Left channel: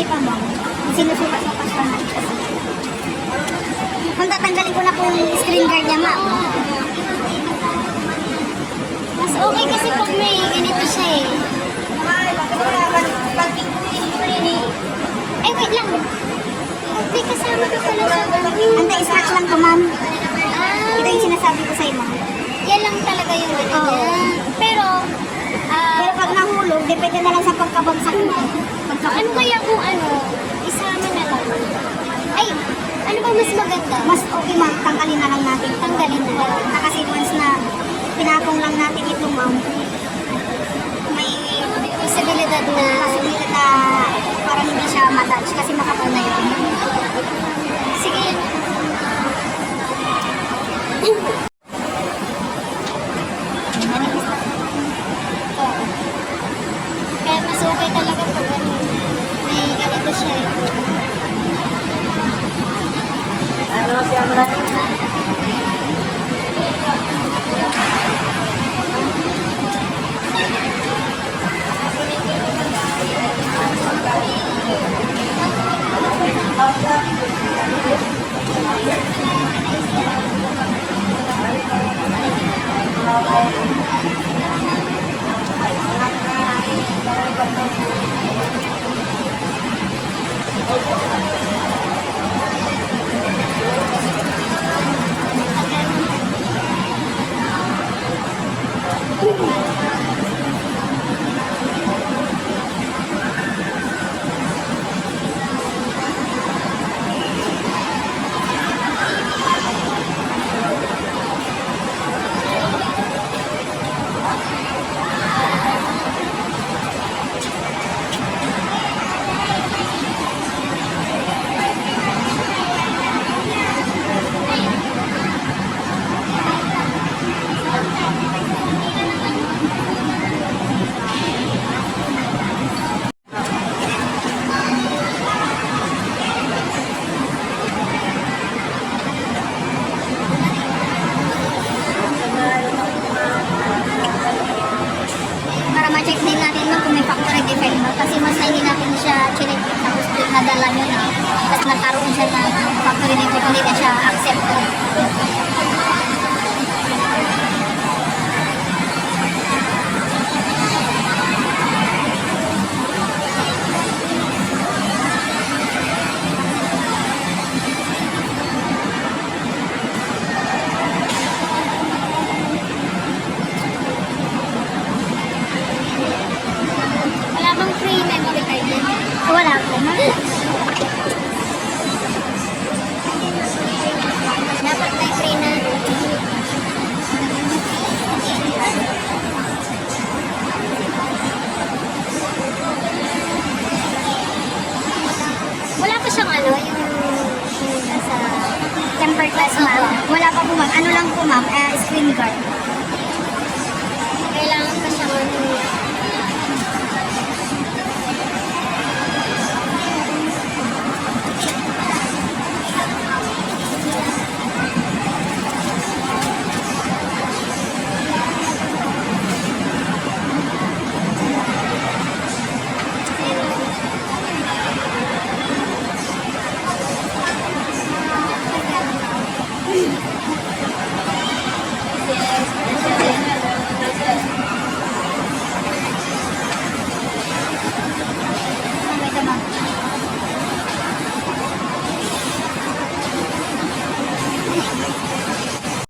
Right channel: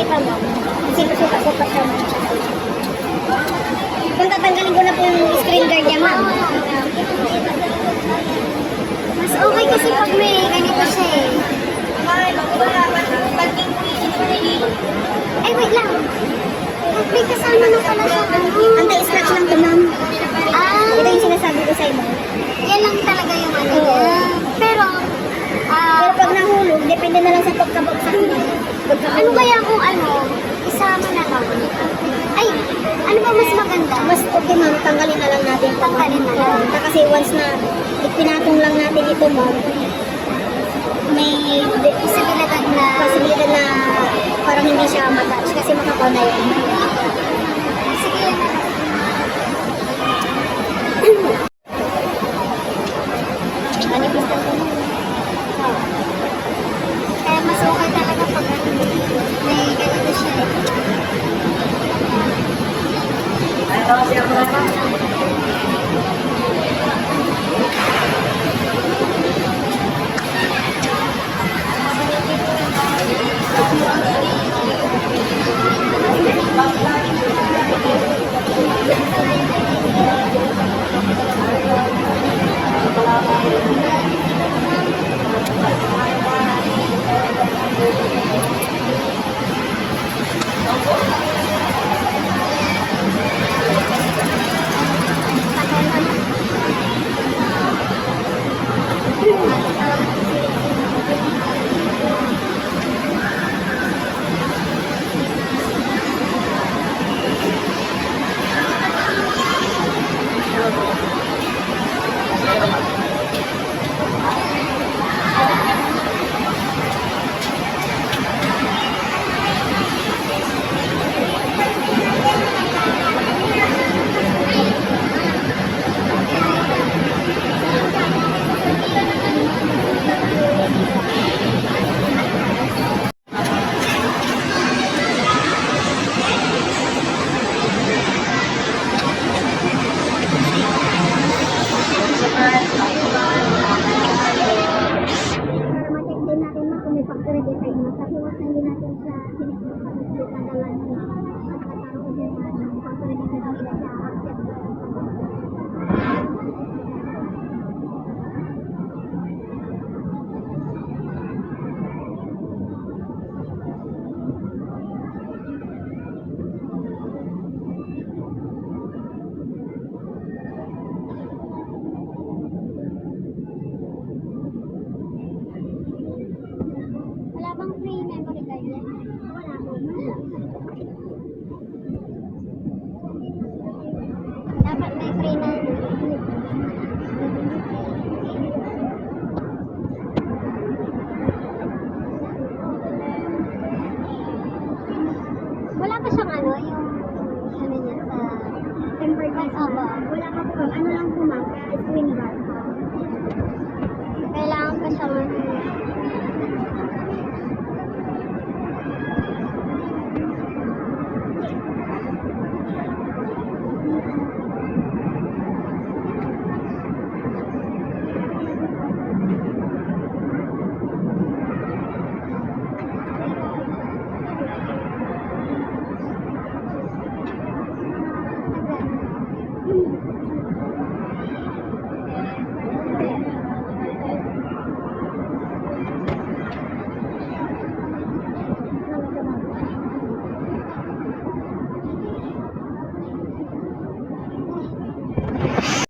Hindi pa, ma'am. Sinusuka-suka siya, ma'am. Kung tatanggalin ko na po yung screen guard niya, ma'am. Mas okay kasi pag may ganito siya eh. Ay, wait lang. Pag may kasama na pala siya. Anti-scratch lang to, ma'am. Ito yung sinasabi ko sa inyo. Yan lang talaga yung ano. Pero pag nahulog, depende na lang sa pagkabagsak mo. Ano kaya kung isama na lang? Ay, ano ba mas maganda? Mas okay, ma'am, tanggalin na lang natin. Tanggalin na lang. Kasi once na pinatong lang natin ito, ma'am, may posibilidad na parang hindi siya matouch kasi makapal na yun. Sige. Manipis lang po. Kaya mas okay talaga pag may ganito siya eh. Para ma-check din natin nung kung may factory defect ba. Kasi mas hindi natin siya check tapos nadala nyo na. Tapos nagkaroon siya ng factory defect, hindi na siya accept. Wala bang free memory card din? Wala po. Dapat may free na. Wala pa siyang yung sa temper glass, ma'am. Wala pa po, ma'am. Ano lang po, ma'am? Screen card. Kailangan pa siyang